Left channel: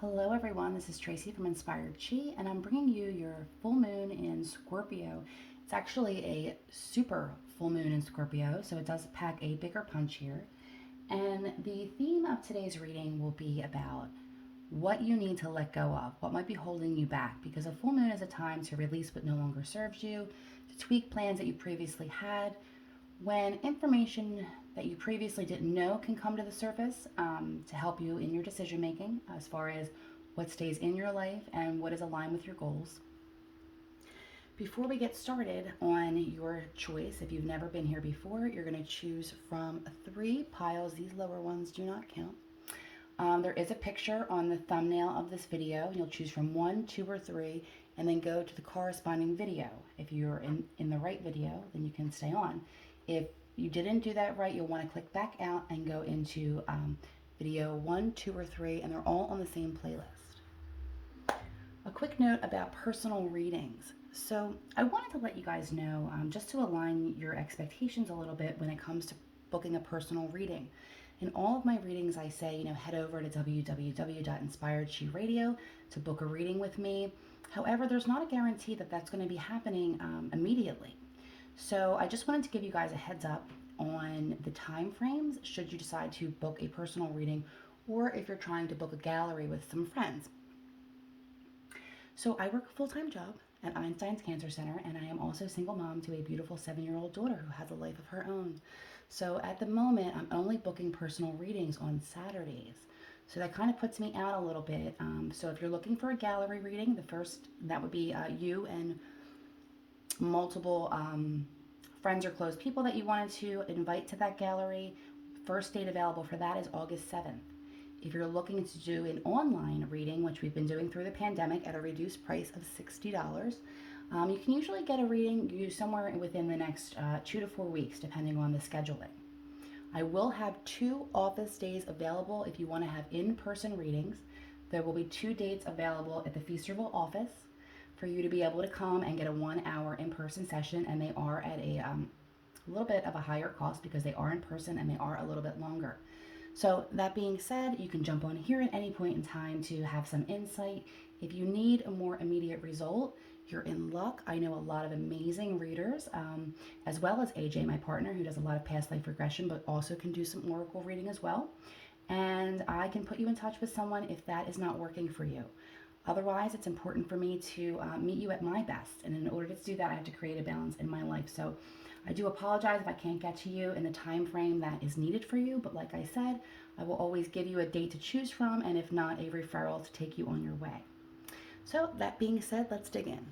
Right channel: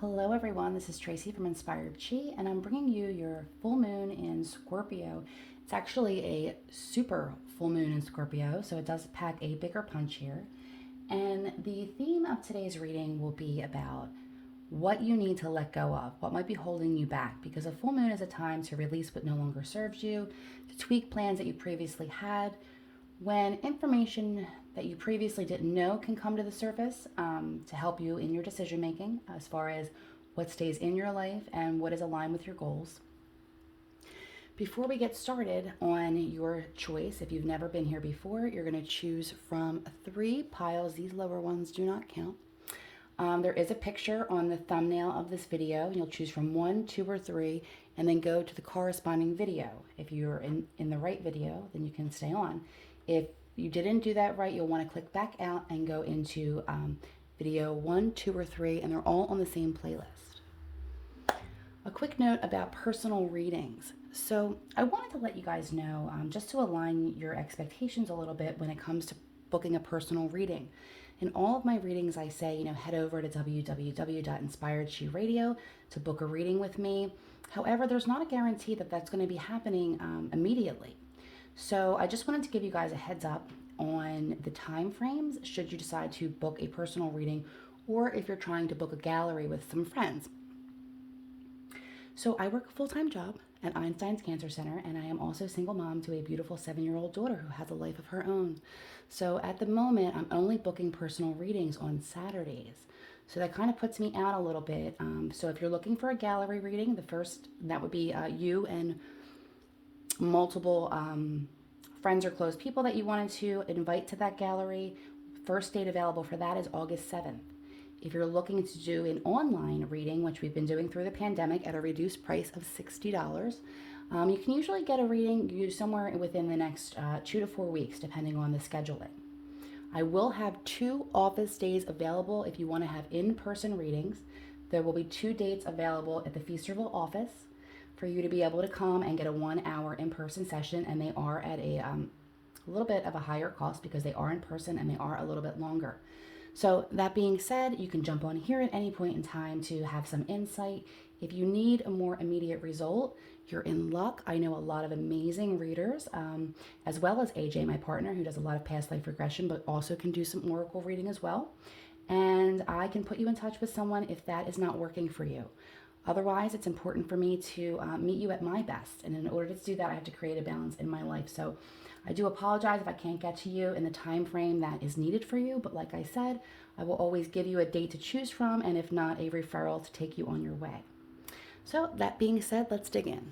Hello everyone, this is Tracy from Inspired Chi, and I'm bringing you your full moon in Scorpio. It's actually a super full moon in Scorpio, so it does pack a bigger punch here. And the theme of today's reading will be about what you need to let go of, what might be holding you back, because a full moon is a time to release what no longer serves you, to tweak plans that you previously had, when information that you previously didn't know can come to the surface to help you in your decision making as far as what stays in your life and what is aligned with your goals. Before we get started on your choice, if you've never been here before, you're going to choose from 3 piles. These lower ones do not count. There is a picture on the thumbnail of this video. You'll choose from 1, 2, or 3, and then go to the corresponding video. If you're in the right video, then you can stay on. If you didn't do that right, you'll want to click back out and go into video 1, 2, or 3, and they're all on the same playlist. A quick note about personal readings. So I wanted to let you guys know, just to align your expectations a little bit when it comes to booking a personal reading. In all of my readings, I say, head over to www.inspiredchiradio to book a reading with me. However, there's not a guarantee that that's going to be happening immediately. So I just wanted to give you guys a heads up on the time frames should you decide to book a personal reading or if you're trying to book a gallery with some friends. So I work a full-time job at Einstein's Cancer Center, and I am also single mom to a beautiful 7-year-old daughter who has a life of her own. So at the moment, I'm only booking personal readings on Saturdays. So that kind of puts me out a little bit. So if you're looking for a gallery reading, the first, that would be you and multiple friends or close people that you wanted to invite to that gallery. First date available for that is August 7th. If you're looking to do an online reading, which we've been doing through the pandemic at a reduced price of $60, you can usually get a reading somewhere within the next 2 to 4 weeks, depending on the scheduling. I will have 2 office days available if you want to have in-person readings. There will be 2 dates available at the Feasterville office for you to be able to come and get a 1-hour in-person session, and they are at a little bit of a higher cost because they are in person and they are a little bit longer. So that being said, you can jump on here at any point in time to have some insight. If you need a more immediate result, you're in luck. I know a lot of amazing readers, as well as AJ, my partner, who does a lot of past life regression, but also can do some oracle reading as well. And I can put you in touch with someone if that is not working for you. Otherwise, it's important for me to meet you at my best. And in order to do that, I have to create a balance in my life. So I do apologize if I can't get to you in the time frame that is needed for you. But like I said, I will always give you a date to choose from, and if not, a referral to take you on your way. So that being said, let's dig in.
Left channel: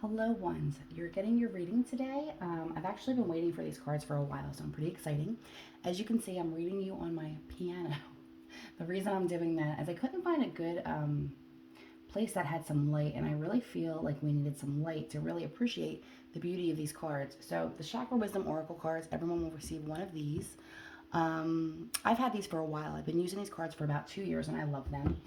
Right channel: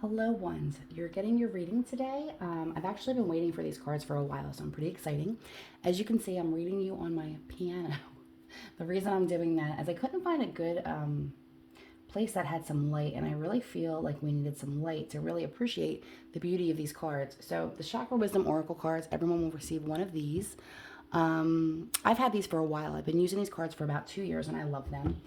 Hello ones, you're getting your reading today. I've actually been waiting for these cards for a while, so I'm pretty exciting. As you can see, I'm reading you on my piano. The reason I'm doing that is I couldn't find a good place that had some light, and I really feel like we needed some light to really appreciate the beauty of these cards. So the Chakra Wisdom Oracle cards, everyone will receive one of these. I've had these for a while. I've been using these cards for about 2 years and I love them.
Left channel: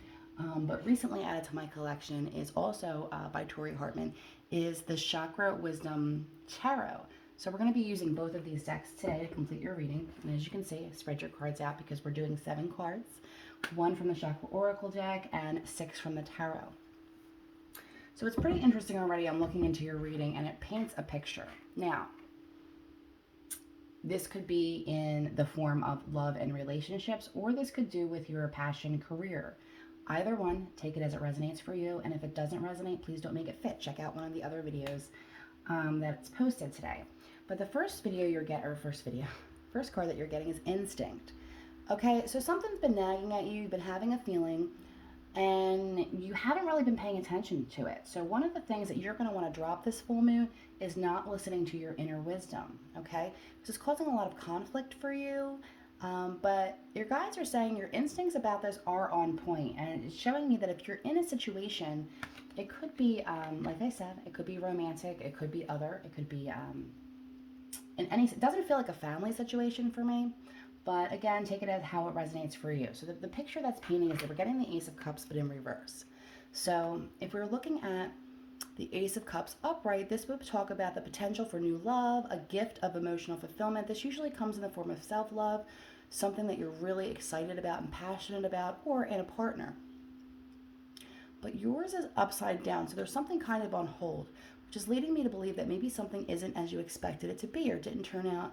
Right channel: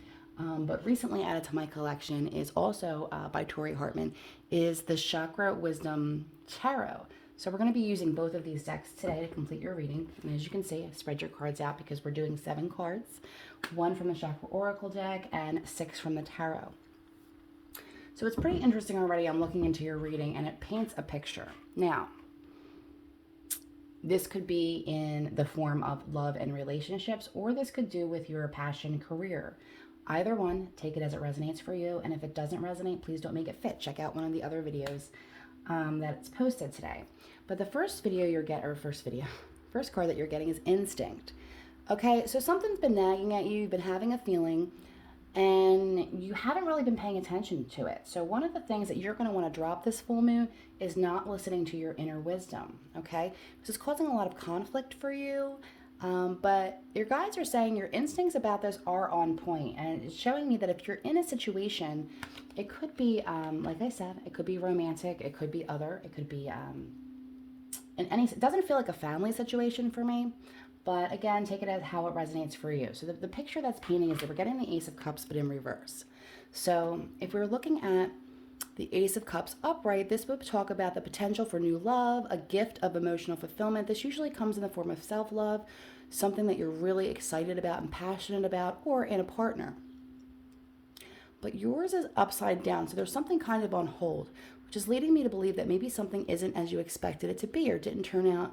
But recently added to my collection is also by Tori Hartman, is the Chakra Wisdom Tarot. So we're going to be using both of these decks today to complete your reading. And as you can see, spread your cards out because we're doing 7 cards. 1 from the Chakra Oracle deck and 6 from the Tarot. So it's pretty interesting already. I'm looking into your reading and it paints a picture. Now, this could be in the form of love and relationships, or this could do with your passion career. Either one, take it as it resonates for you. And if it doesn't resonate, please don't make it fit. Check out one of the other videos that's posted today. But the first card that you're getting is Instinct. Okay, so something's been nagging at you, you've been having a feeling, and you haven't really been paying attention to it. So one of the things that you're going to want to drop this full moon is not listening to your inner wisdom, okay? This is causing a lot of conflict for you, but your guides are saying your instincts about this are on point, and it's showing me that if you're in a situation, it could be, like I said, it could be romantic, it could be other, it could be, it doesn't feel like a family situation for me. But again, take it as how it resonates for you. So the picture that's painting is that we're getting the Ace of Cups, but in reverse. So if we're looking at the Ace of Cups upright, this would talk about the potential for new love, a gift of emotional fulfillment. This usually comes in the form of self-love. something that you're really excited about and passionate about, or in a partner. But yours is upside down. So there's something kind of on hold, which is leading me to believe that maybe something isn't as you expected it to be or didn't turn out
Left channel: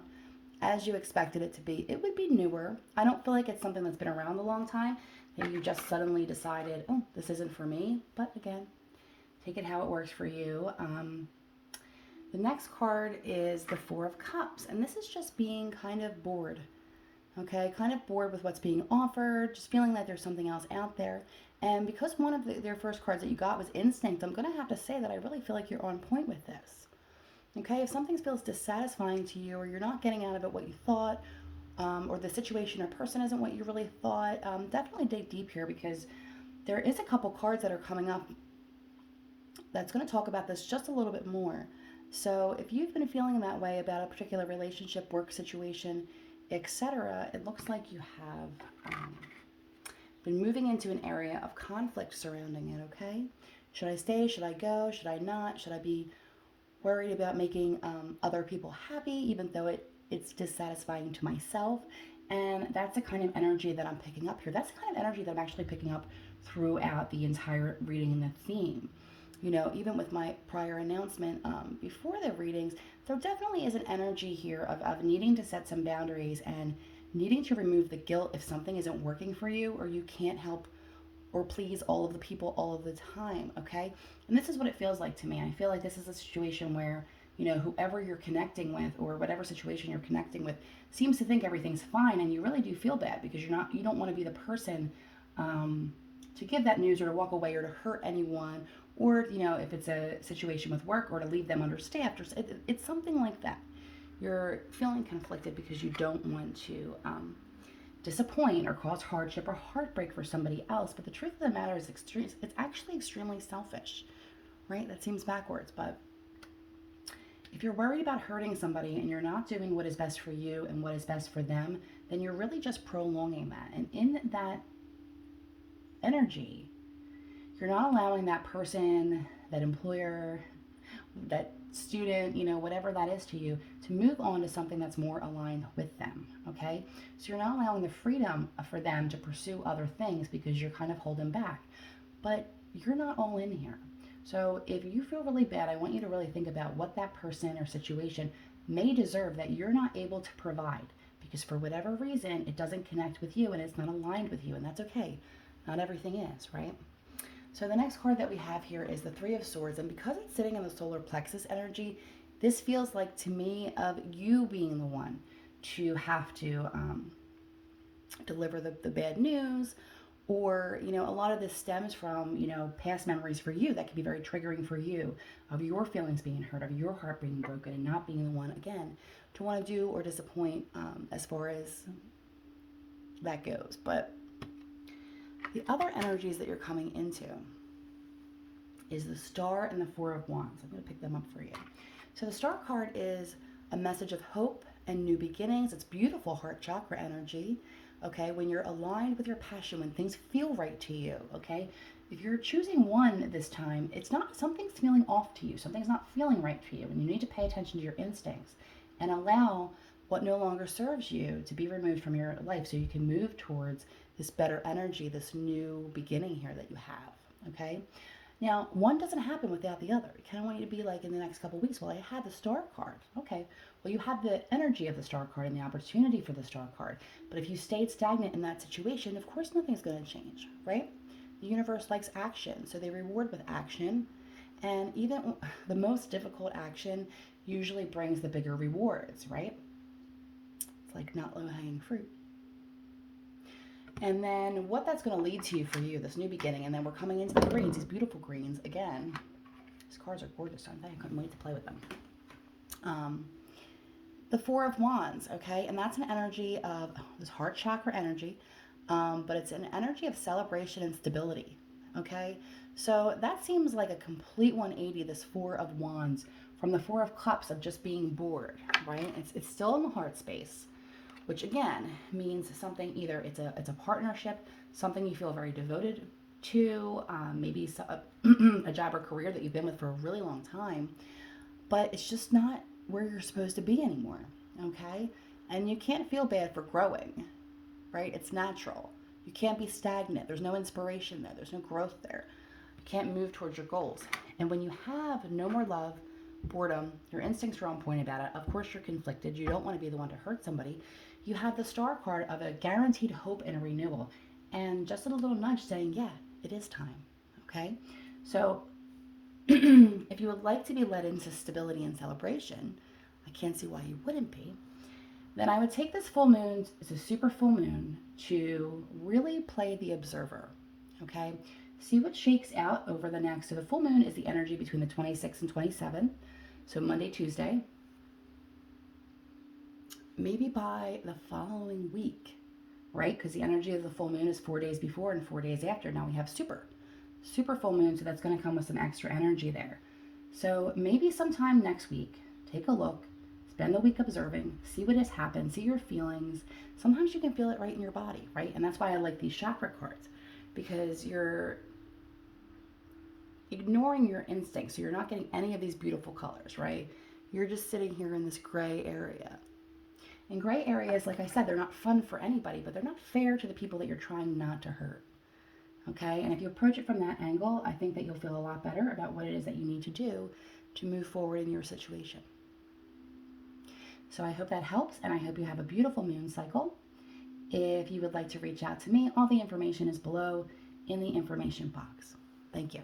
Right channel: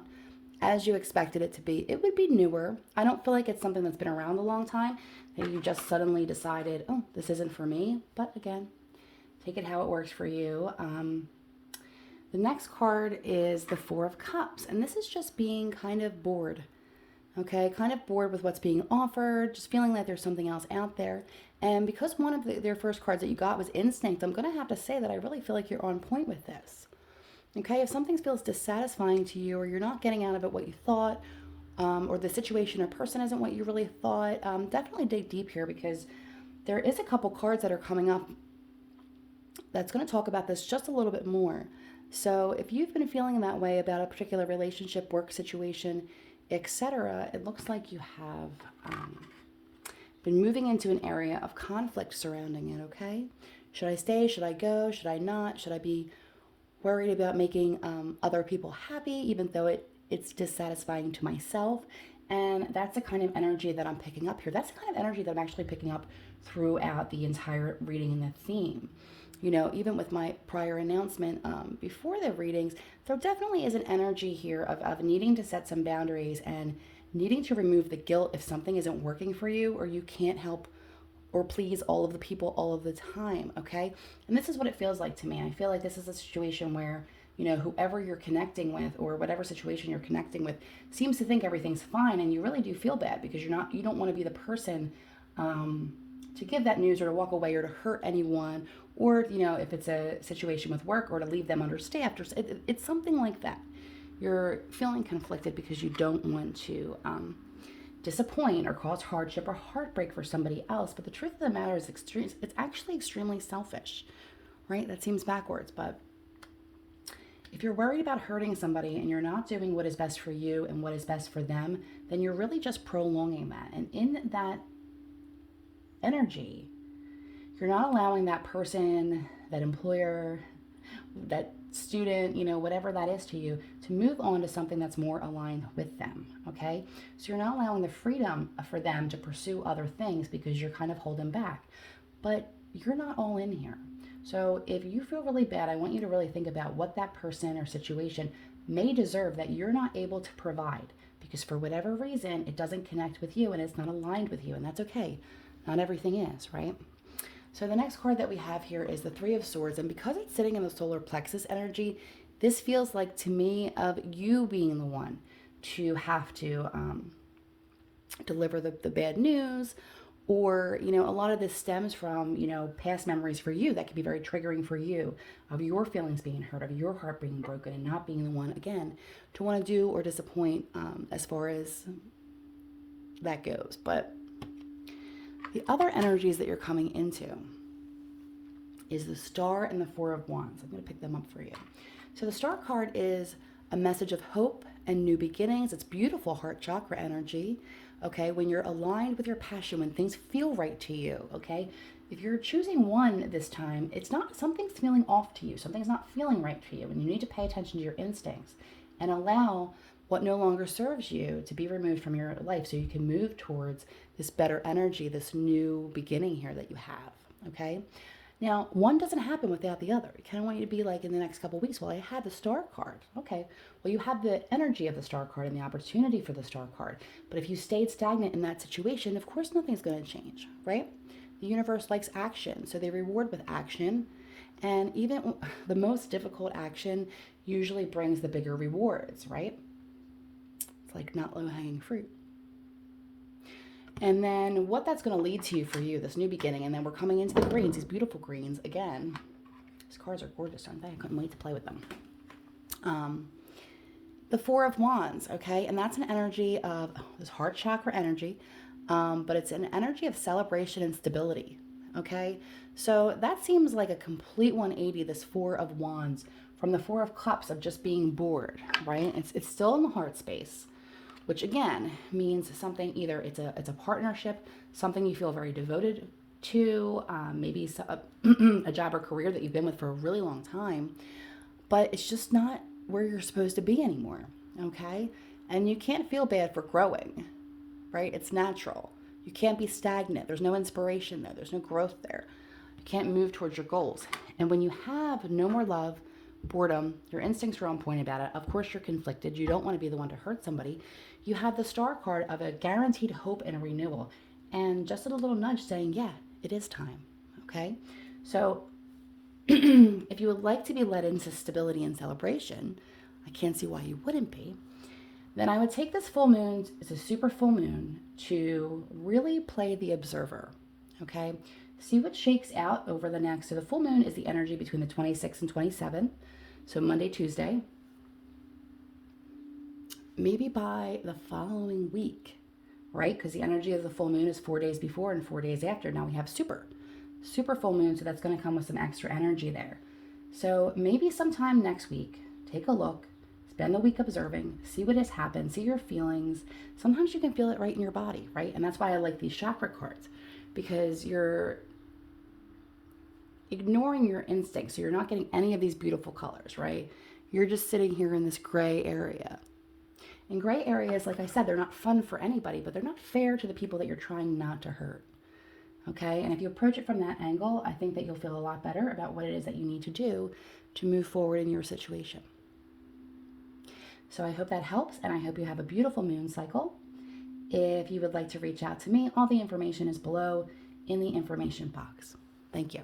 as you expected it to be. It would be newer. I don't feel like it's something that's been around a long time that you just suddenly decided, oh, this isn't for me. But again, take it how it works for you. The next card is the Four of Cups, and this is just being kind of bored. Okay, kind of bored with what's being offered, just feeling like there's something else out there. And because one of their first cards that you got was Instinct, I'm going to have to say that I really feel like you're on point with this. Okay, if something feels dissatisfying to you, or you're not getting out of it what you thought, or the situation or person isn't what you really thought, definitely dig deep here, because there is a couple cards that are coming up that's going to talk about this just a little bit more. So if you've been feeling that way about a particular relationship, work situation, etc., it looks like you have been moving into an area of conflict surrounding it, okay? Should I stay? Should I go? Should I not? Should I be worried about making other people happy, even though it's dissatisfying to myself? And that's the kind of energy that I'm picking up here. That's the kind of energy that I'm actually picking up throughout the entire reading and the theme. You know, even with my prior announcement before the readings, there definitely is an energy here of needing to set some boundaries and needing to remove the guilt if something isn't working for you, or you can't help or please all of the people all of the time, okay? And this is what it feels like to me. I feel like this is a situation where, you know, whoever you're connecting with, or whatever situation you're connecting with, seems to think everything's fine, and you really do feel bad because you don't want to be the person to give that news, or to walk away, or to hurt anyone, or, you know, if it's a situation with work, or to leave them understaffed, or it's something like that. You're feeling conflicted because you don't want to disappoint or cause hardship or heartbreak for somebody else. But the truth of the matter is, it's actually extremely selfish, right? That seems backwards, but if you're worried about hurting somebody and you're not doing what is best for you and what is best for them, then you're really just prolonging that. And in that energy, you're not allowing that person, that employer, that student, you know, whatever that is to you, to move on to something that's more aligned with them, okay? So you're not allowing the freedom for them to pursue other things because you're kind of holding back. But you're not all in here. So if you feel really bad, I want you to really think about what that person or situation may deserve that you're not able to provide, because for whatever reason, it doesn't connect with you and it's not aligned with you, and that's okay. Not everything is, right? So the next card that we have here is the Three of Swords, and because it's sitting in the solar plexus energy, this feels like to me of you being the one to have to deliver the bad news, or, you know, a lot of this stems from, you know, past memories for you that can be very triggering for you, of your feelings being hurt, of your heart being broken, and not being the one, again, to want to do or disappoint as far as that goes. But the other energies that you're coming into is the Star and the Four of Wands. I'm going to pick them up for you. So the Star card is a message of hope and new beginnings. It's beautiful heart chakra energy, okay? When you're aligned with your passion, when things feel right to you, okay? If you're choosing one this time, it's not, something's feeling off to you. Something's not feeling right for you, and you need to pay attention to your instincts and allow what no longer serves you to be removed from your life, so you can move towards this better energy, this new beginning here that you have, okay? Now, one doesn't happen without the other. I kind of want you to be like, in the next couple of weeks, well, I had the Star card. Okay, well, you have the energy of the Star card and the opportunity for the Star card. But if you stayed stagnant in that situation, of course, nothing's going to change, right? The universe likes action, so they reward with action. And even the most difficult action usually brings the bigger rewards, right? It's like not low-hanging fruit. And then what that's going to lead to for you, this new beginning, and then we're coming into the greens, these beautiful greens. Again, these cards are gorgeous, aren't they? I couldn't wait to play with them. The Four of Wands, okay? And that's an energy of this heart chakra energy, but it's an energy of celebration and stability, okay? So that seems like a complete 180, this Four of Wands, from the Four of Cups of just being bored, right? It's still in the heart space, which again means something, either it's a partnership, something you feel very devoted to, maybe a job or career that you've been with for a really long time, but it's just not where you're supposed to be anymore, okay? And you can't feel bad for growing, right? It's natural. You can't be stagnant. There's no inspiration there. There's no growth there. You can't move towards your goals. And when you have no more love, boredom, your instincts are on point about it. Of course, you're conflicted. You don't want to be the one to hurt somebody. You have the star card of a guaranteed hope and a renewal. And just a little nudge saying, yeah, it is time. Okay? So if you would like to be led into stability and celebration, I can't see why you wouldn't be, then I would take this full moon, it's a super full moon, to really play the observer, okay? See what shakes out over the next. So the full moon is the energy between the 26th and 27th, so Monday, Tuesday. Maybe by the following week, right? Because the energy of the full moon is 4 days before and 4 days after. Now we have super full moon, so that's going to come with some extra energy there. So maybe sometime next week, take a look, spend the week observing, see what has happened, see your feelings. Sometimes you can feel it right in your body, right? And that's why I like these chakra cards, because you're ignoring your instincts. So you're not getting any of these beautiful colors, right? You're just sitting here in this gray area. And gray areas, like I said, they're not fun for anybody, but they're not fair to the people that you're trying not to hurt. Okay? And if you approach it from that angle, I think that you'll feel a lot better about what it is that you need to do to move forward in your situation. So I hope that helps, and I hope you have a beautiful moon cycle. If you would like to reach out to me, all the information is below in the information box. Thank you.